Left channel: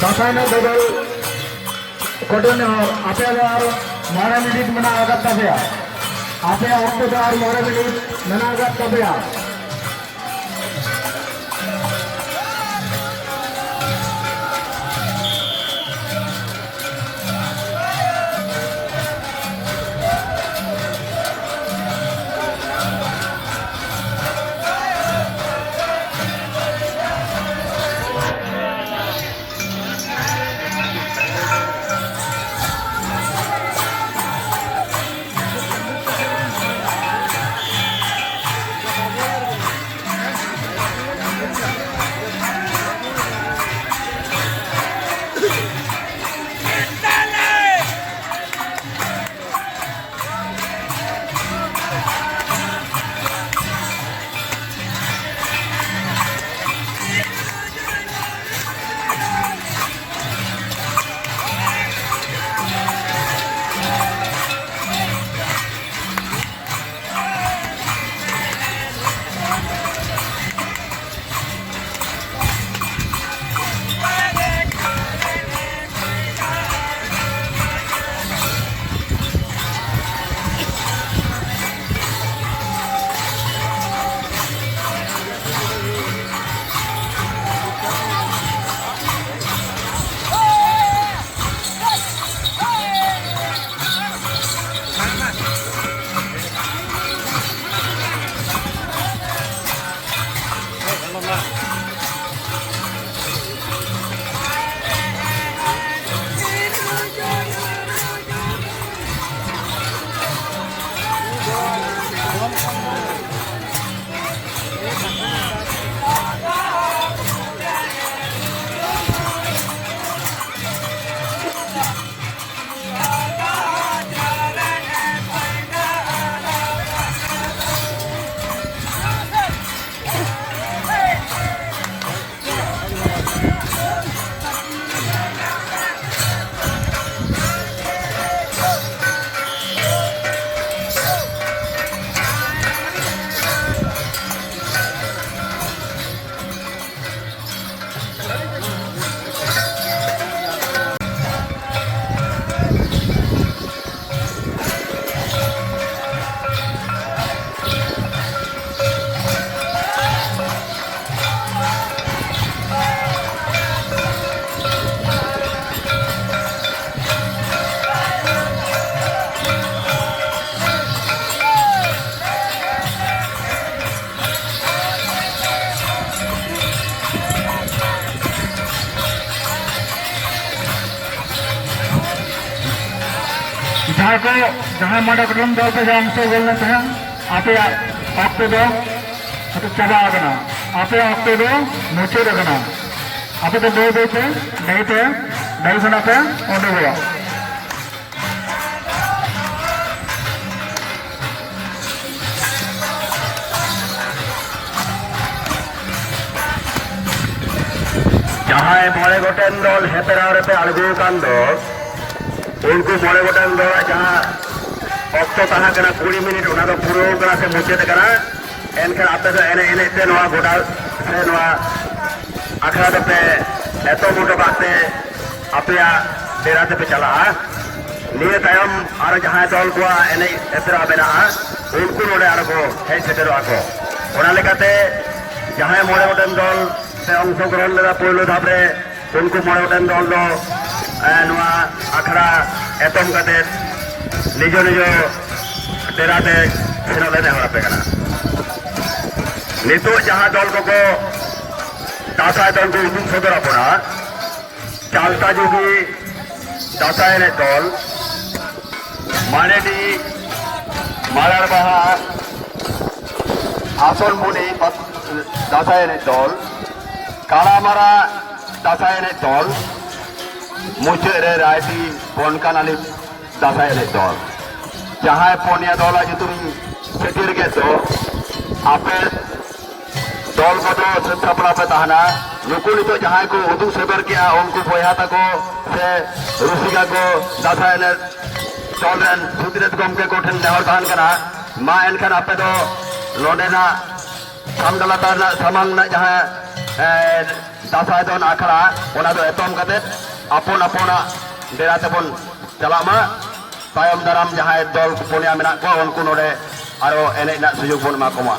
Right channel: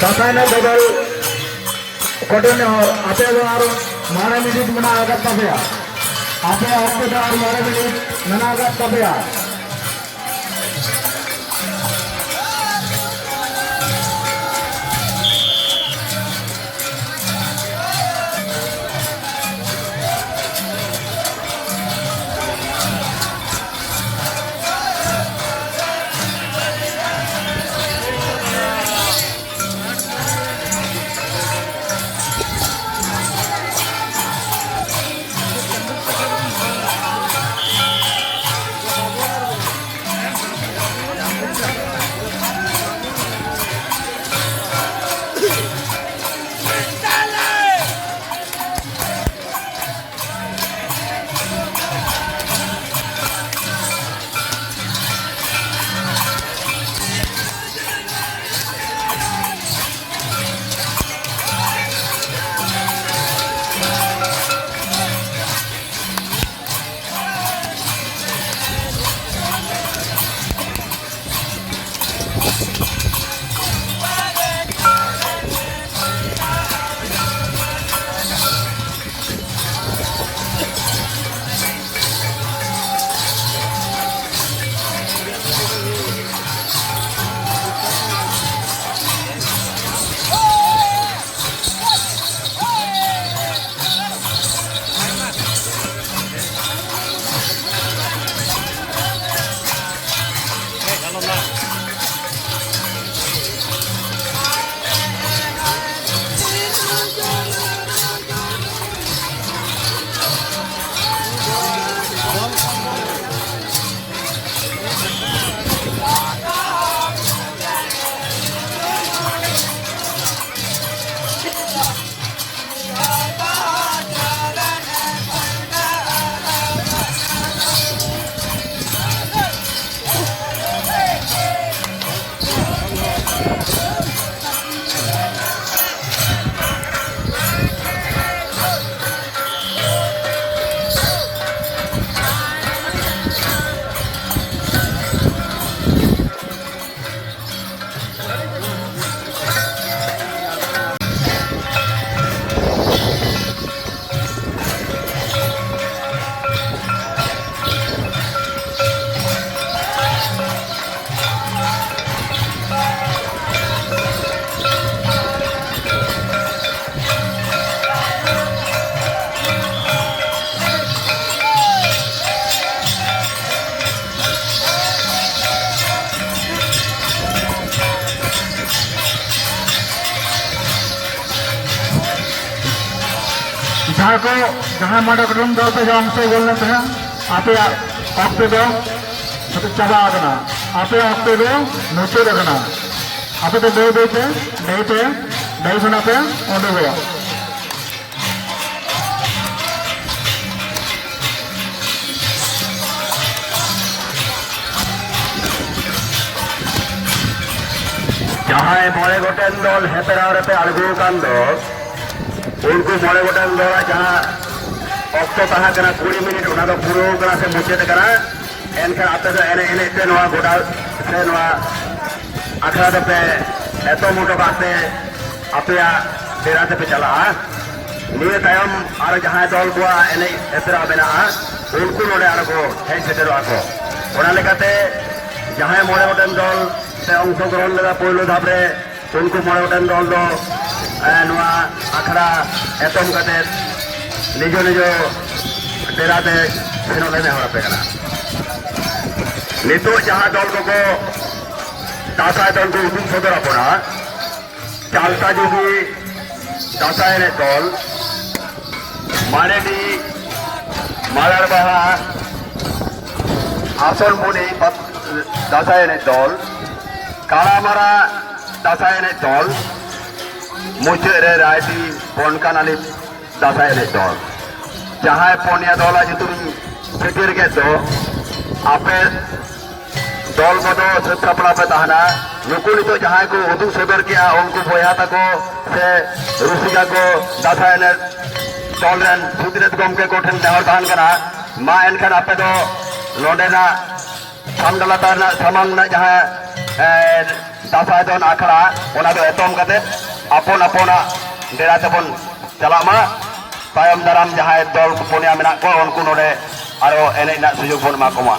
दासायन बदल कठिन आपे और 9 मिनिट में आगत तबया आपे और 9 मिनिट में आगत तबया को जहां माडा कुटुंब दल पे अंश बोलने थे आपे अक्टे दो चाबा आगना आपे अक्टे दो मुचे रखना आपे तो दो देते नहीं सुना पे ओंडे गया जहां मोड़े गोटेन दल हेपेरारे पे आलगू कान दो उनको मोड़े गोटेन दल जहां अक्टो तहा कना 20 मिनट उना दो पुरो कना से मुचेते कना एनखान आपे दो एने एने ते नवा गोटा से नवा आखड़ा दो पे एतो मोटो बाते आपे डेरा ते पे चला निये तायम आर जहां दल को एने एतरा बेना उनको नोडे आलगो हेज सेटेरो आको ओना लेकाते जहां मोड़े गोटेन दल से अंशग्रहण लेदा पहलो धापरे उनको मोड़े गोटेन दल दो आखड़ा एतम कते निजो निजो डेराते सेनो लेने हरापे कना नितो जहां दल को दासाय दल को उदुग सदर अपना चालता जुदी दासाय ने दल मानेडी मायार बाहा आसन मुनि दासाय ने दल कालामारा दासाय ने दल मुचेरे रायती पनकानाली दासाय ने दल जहां पनिया दल जुतुम सेटिर के दो आपे दल को सत्तापड़ा पे तहना नुकु नितो जहां को उदुग सदर किया उनको बोया तको से रुसिया को दासाय ने दल रन सुदिरत गमके कोठन देहर दान करा मा एनखान आपे दो लोडेना सामदला ताना सामान जहां दासाय दोन आखड़ा ओना दो एतम कते अपन अपना डेरा तेबन चला मा तायम दाराम जहां दल पुनिया मेना को उनको नोडे आरो एने ना सुयोग बन मा कोमा।